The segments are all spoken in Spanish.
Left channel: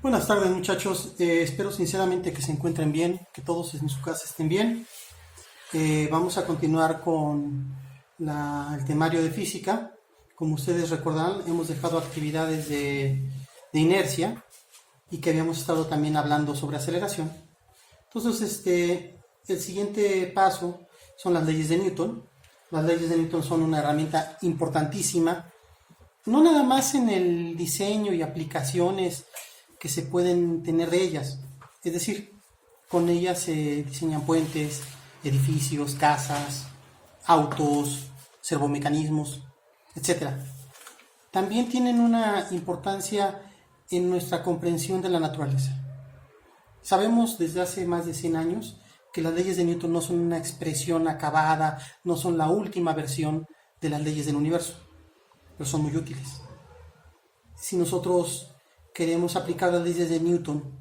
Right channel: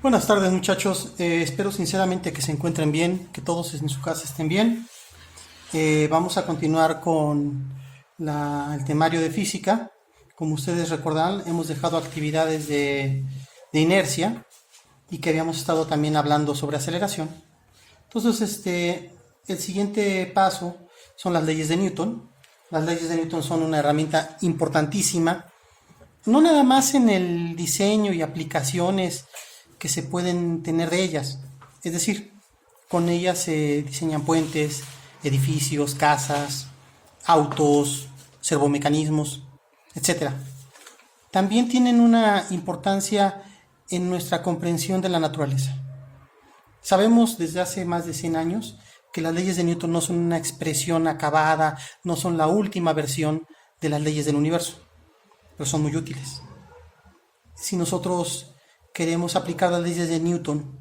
Buenas tardes muchachos. Espero sinceramente que se encuentren bien, que todos en su casa estén bien. Vamos a continuar con el temario de física. Como ustedes recordarán, hemos dejado actividades de inercia y que habíamos estado también hablando sobre aceleración. Entonces, el siguiente paso son las leyes de Newton. Las leyes de Newton son una herramienta importantísima, no nada más en el diseño y aplicaciones que se pueden tener de ellas. Es decir, con ellas se diseñan puentes, edificios, casas, autos, servomecanismos, etc. También tienen una importancia en nuestra comprensión de la naturaleza. Sabemos desde hace más de 100 años que las leyes de Newton no son una expresión acabada, no son la última versión de las leyes del universo, pero son muy útiles. Si nosotros queremos aplicar las leyes de Newton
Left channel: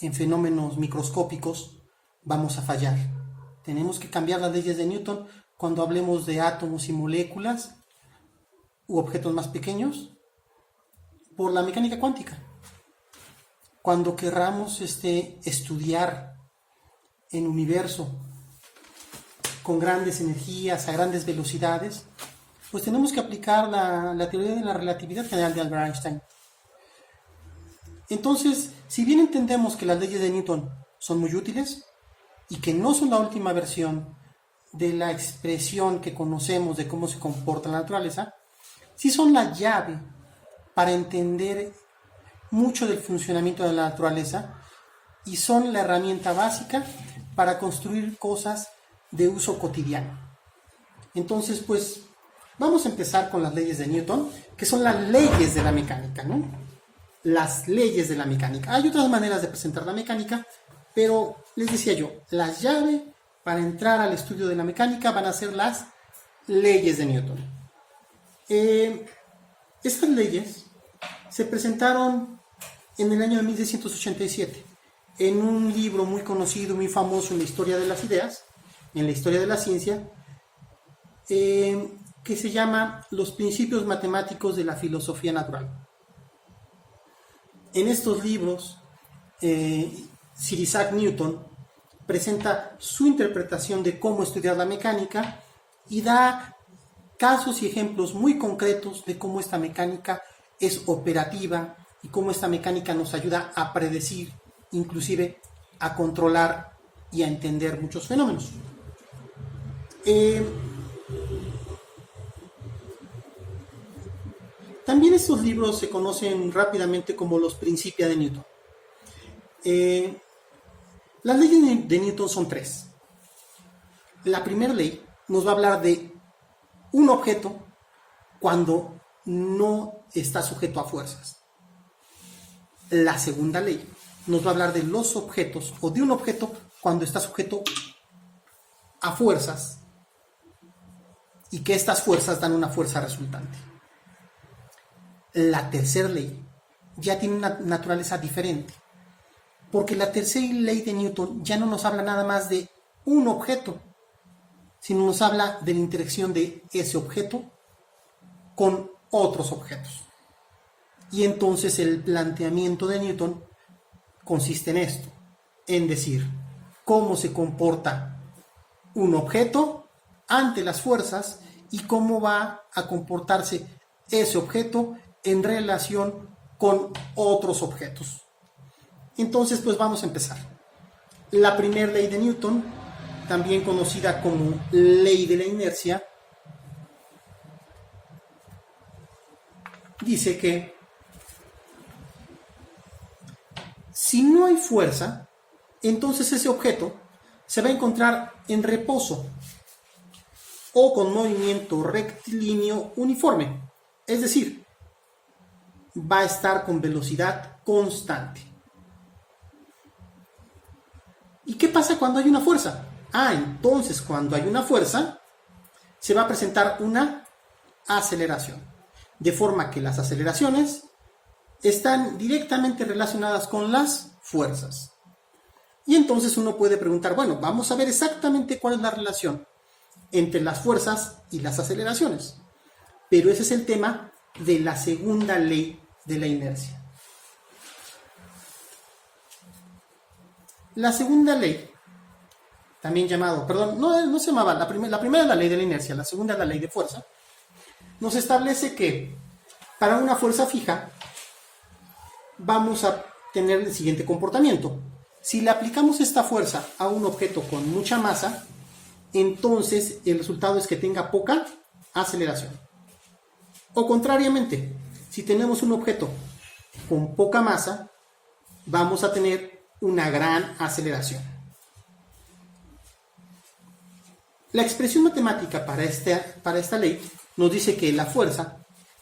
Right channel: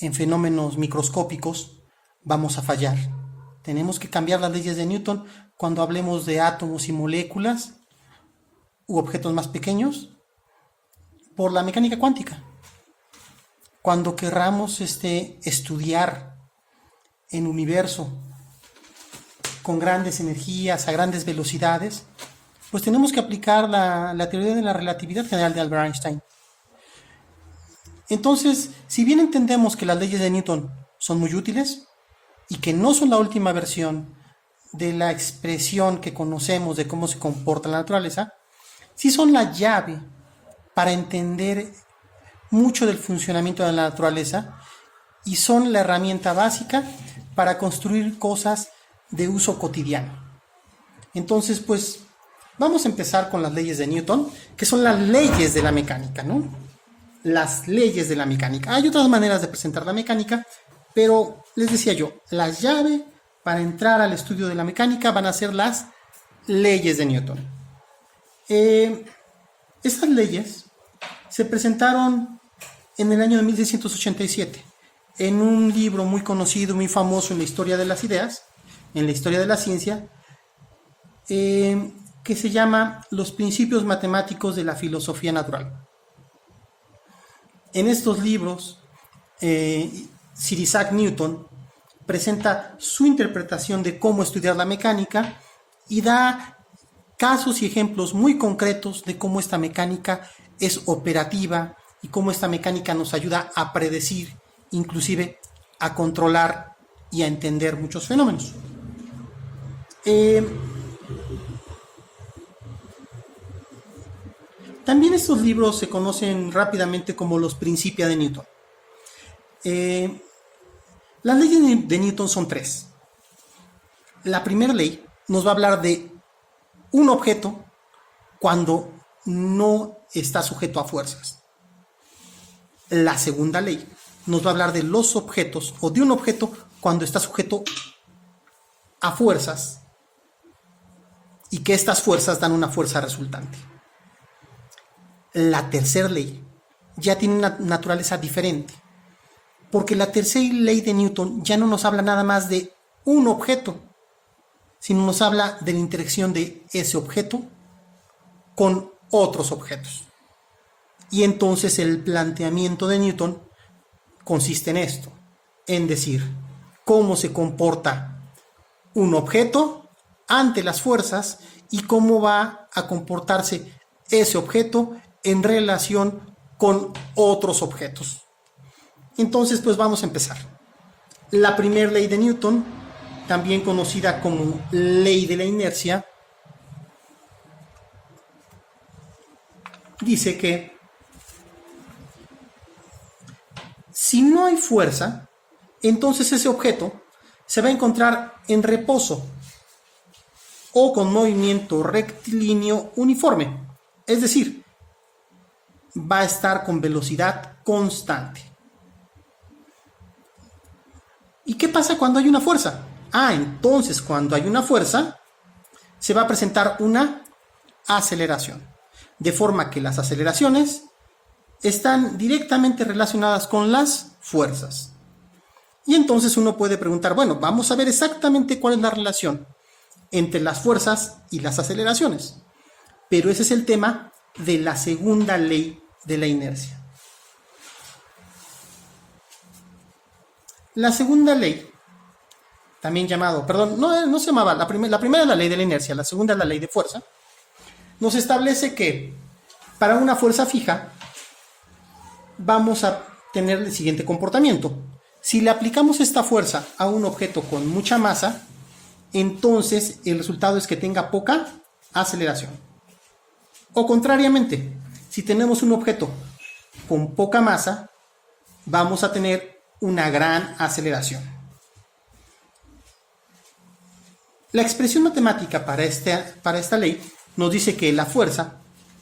en fenómenos microscópicos, vamos a fallar. Tenemos que cambiar las leyes de Newton cuando hablemos de átomos y moléculas u objetos más pequeños por la mecánica cuántica. Cuando querramos estudiar el universo con grandes energías, a grandes velocidades, pues tenemos que aplicar la teoría de la relatividad general de Albert Einstein. Entonces, si bien entendemos que las leyes de Newton son muy útiles y que no son la última versión de la expresión que conocemos de cómo se comporta la naturaleza, sí son la llave para entender mucho del funcionamiento de la naturaleza y son la herramienta básica para construir cosas de uso cotidiano. Entonces, pues, vamos a empezar con las leyes de Newton, que son las leyes de la mecánica, ¿no? Las leyes de la mecánica. Hay otras maneras de presentar la mecánica, pero les decía yo, la llave para entrar al estudio de la mecánica van a ser las leyes de Newton. Estas leyes se presentaron en el año de 1687 en un libro muy conocido, muy famoso en la historia de las ideas, en la historia de la ciencia, que se llama Los Principios Matemáticos de la Filosofía Natural. En estos libros, Sir Isaac Newton presenta su interpretación de cómo estudiar la mecánica y da casos y ejemplos muy concretos de cómo esta mecánica es operativa y cómo esta mecánica nos ayuda a predecir, inclusive a controlar y a entender muchos fenómenos. También estos libros se conocen rápidamente como los Principia de Newton. Las leyes de Newton son tres. La primera ley nos va a hablar de un objeto cuando no está sujeto a fuerzas. La segunda ley nos va a hablar de los objetos o de un objeto cuando está sujeto a fuerzas y que estas fuerzas dan una fuerza resultante. La tercera ley ya tiene una naturaleza diferente, porque la tercera ley de Newton ya no nos habla nada más de un objeto, sino nos habla de la interacción de ese objeto con otros objetos. Y entonces el planteamiento de Newton consiste en esto, en decir cómo se comporta un objeto ante las fuerzas y cómo va a comportarse ese objeto en relación con otros objetos. Entonces, pues vamos a empezar. La primera ley de Newton, también conocida como ley de la inercia, dice que si no hay fuerza, entonces ese objeto se va a encontrar en reposo o con movimiento rectilíneo uniforme. Es decir, va a estar con velocidad constante. ¿Y qué pasa cuando hay una fuerza? Entonces cuando hay una fuerza, se va a presentar una aceleración. De forma que las aceleraciones están directamente relacionadas con las fuerzas. Y entonces uno puede preguntar, bueno, vamos a ver exactamente cuál es la relación entre las fuerzas y las aceleraciones. Pero ese es el tema de la segunda ley de la inercia. La segunda ley, también llamado, perdón, no se llamaba, la primera es la ley de la inercia, la segunda es la ley de fuerza, nos establece que para una fuerza fija vamos a tener el siguiente comportamiento. Si le aplicamos esta fuerza a un objeto con mucha masa, entonces el resultado es que tenga poca aceleración. O contrariamente, si tenemos un objeto con poca masa, vamos a tener una gran aceleración. La expresión matemática para esta ley nos dice que la fuerza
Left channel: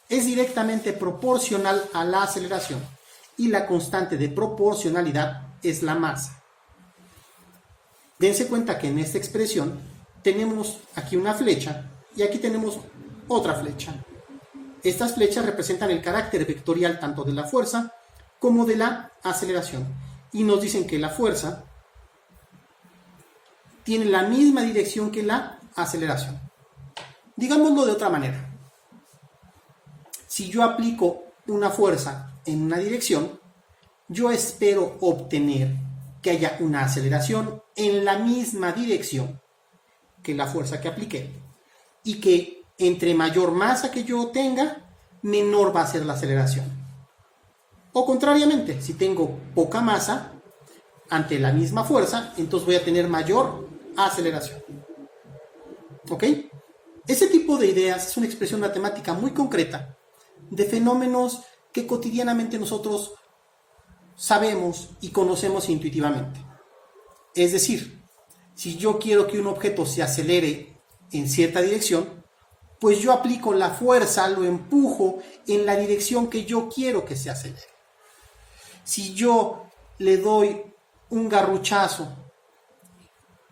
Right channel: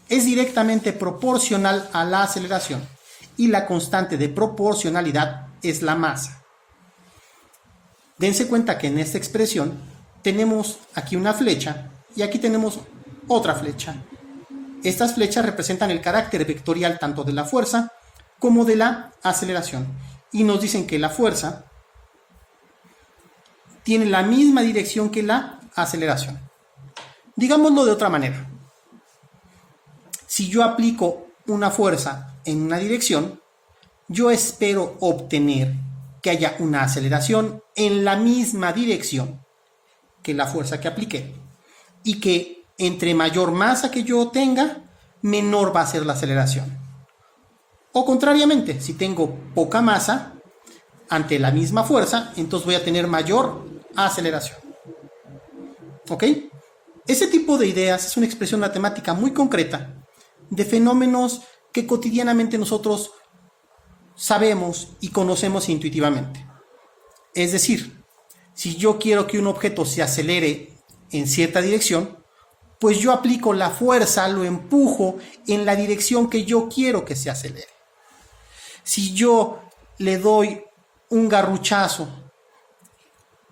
es directamente proporcional a la aceleración y la constante de proporcionalidad es la masa. Dense cuenta que en esta expresión tenemos aquí una flecha y aquí tenemos otra flecha. Estas flechas representan el carácter vectorial tanto de la fuerza como de la aceleración y nos dicen que la fuerza tiene la misma dirección que la aceleración. Digámoslo de otra manera. Si yo aplico una fuerza en una dirección, yo espero obtener que haya una aceleración en la misma dirección que la fuerza que apliqué. Y que entre mayor masa que yo tenga, menor va a ser la aceleración. O contrariamente, si tengo poca masa, ante la misma fuerza, entonces voy a tener mayor aceleración. ¿Ok? Ese tipo de ideas es una expresión matemática muy concreta de fenómenos que cotidianamente nosotros sabemos y conocemos intuitivamente. Es decir, si yo quiero que un objeto se acelere en cierta dirección, pues yo aplico la fuerza, lo empujo en la dirección que yo quiero que se acelere. Si yo le doy un garruchazo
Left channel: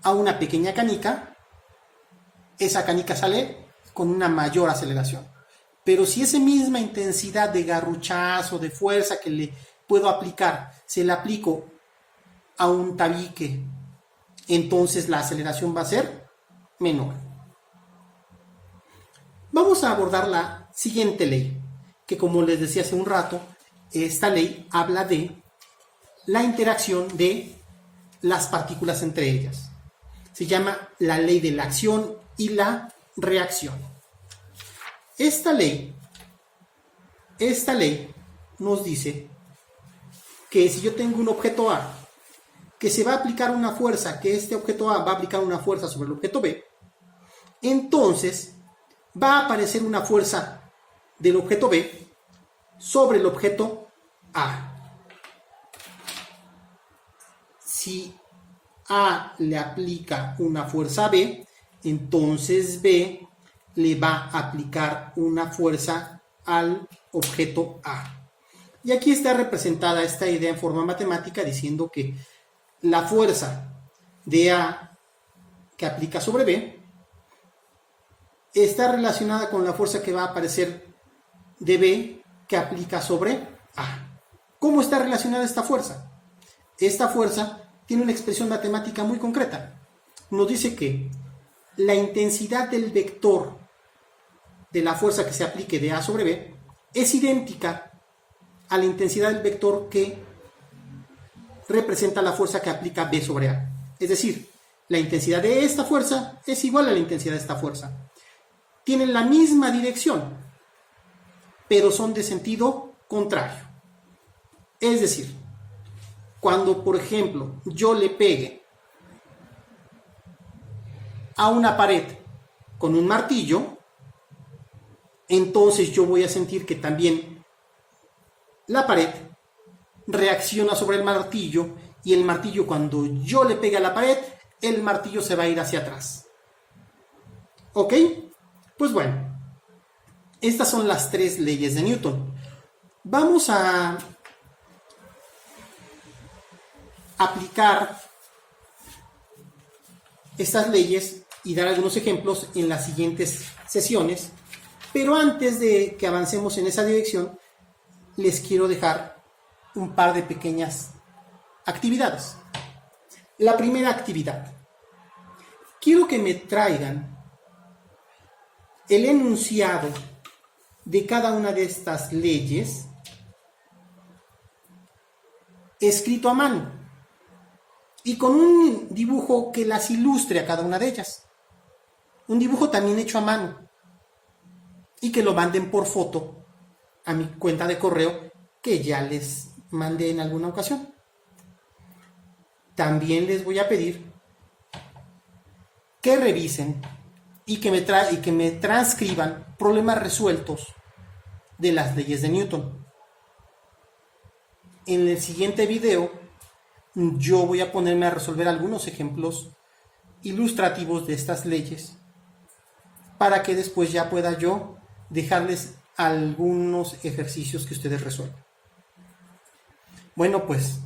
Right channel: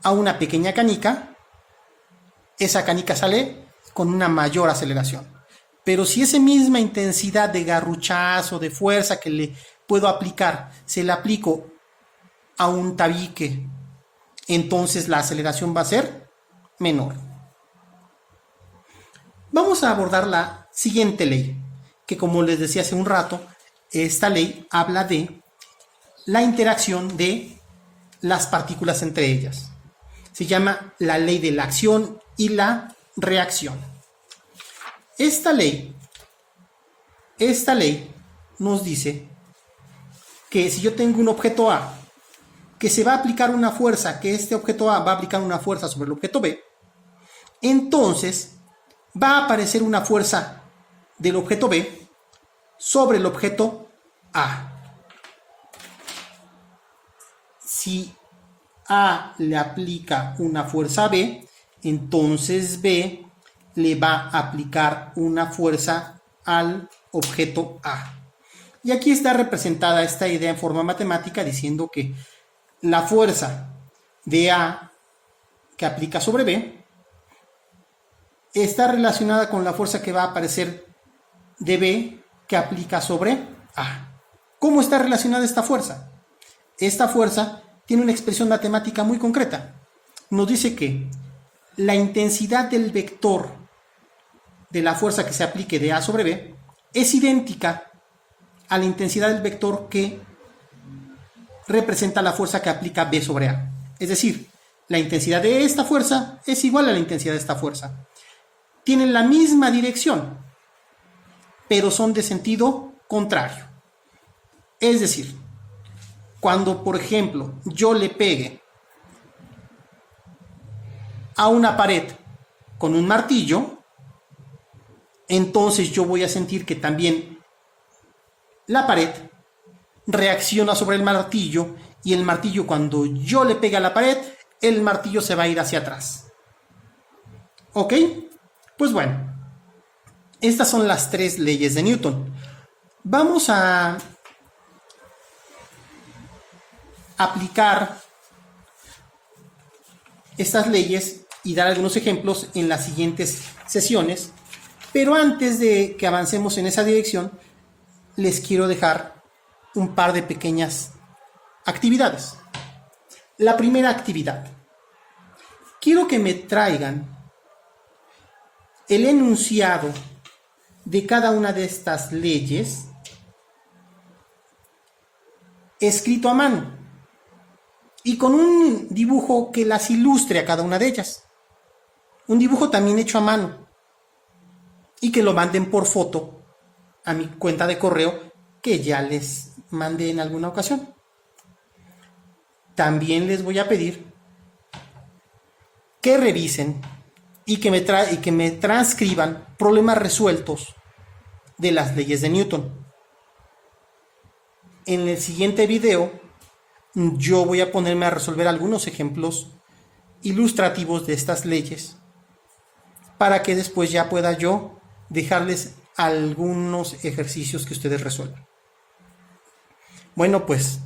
a una pequeña canica, esa canica sale con una mayor aceleración. Pero si esa misma intensidad de garruchazo, de fuerza que le puedo aplicar, se la aplico a un tabique, entonces la aceleración va a ser menor. Vamos a abordar la siguiente ley, que como les decía hace un rato, esta ley habla de la interacción de las partículas entre ellas. Se llama la ley de la acción y la reacción. Esta ley nos dice que si yo tengo un objeto A, que se va a aplicar una fuerza, que este objeto A va a aplicar una fuerza sobre el objeto B, entonces va a aparecer una fuerza del objeto B sobre el objeto A. Si A le aplica una fuerza a B, entonces B le va a aplicar una fuerza al objeto A. Y aquí está representada esta idea en forma matemática diciendo que la fuerza de A que aplica sobre B está relacionada con la fuerza que va a aparecer de B que aplica sobre A. ¿Cómo está relacionada esta fuerza? Esta fuerza tiene una expresión matemática muy concreta. Nos dice que la intensidad del vector de la fuerza que se aplique de A sobre B es idéntica a la intensidad del vector que representa la fuerza que aplica B sobre A. Es decir, la intensidad de esta fuerza es igual a la intensidad de esta fuerza. Tienen la misma dirección, pero son de sentido contrario. Es decir, cuando, por ejemplo, yo le pegue a una pared con un martillo, entonces yo voy a sentir que también la pared reacciona sobre el martillo y el martillo, cuando yo le pegue a la pared, el martillo se va a ir hacia atrás. ¿Ok? Pues bueno, estas son las tres leyes de Newton. Vamos a aplicar estas leyes y dar algunos ejemplos en las siguientes sesiones, pero antes de que avancemos en esa dirección, les quiero dejar un par de pequeñas actividades. La primera actividad. Quiero que me traigan el enunciado de cada una de estas leyes escrito a mano. y con un dibujo que las ilustre a cada una de ellas. Un dibujo también hecho a mano y que lo manden por foto a mi cuenta de correo que ya les mandé en alguna ocasión. También les voy a pedir que revisen y que me transcriban problemas resueltos de las leyes de Newton. En el siguiente video yo voy a ponerme a resolver algunos ejemplos ilustrativos de estas leyes para que después ya pueda yo dejarles algunos ejercicios que ustedes resuelvan. Bueno, pues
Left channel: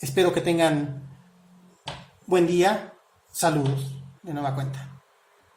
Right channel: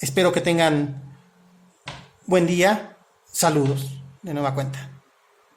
espero que tengan buen día. Saludos de nueva cuenta.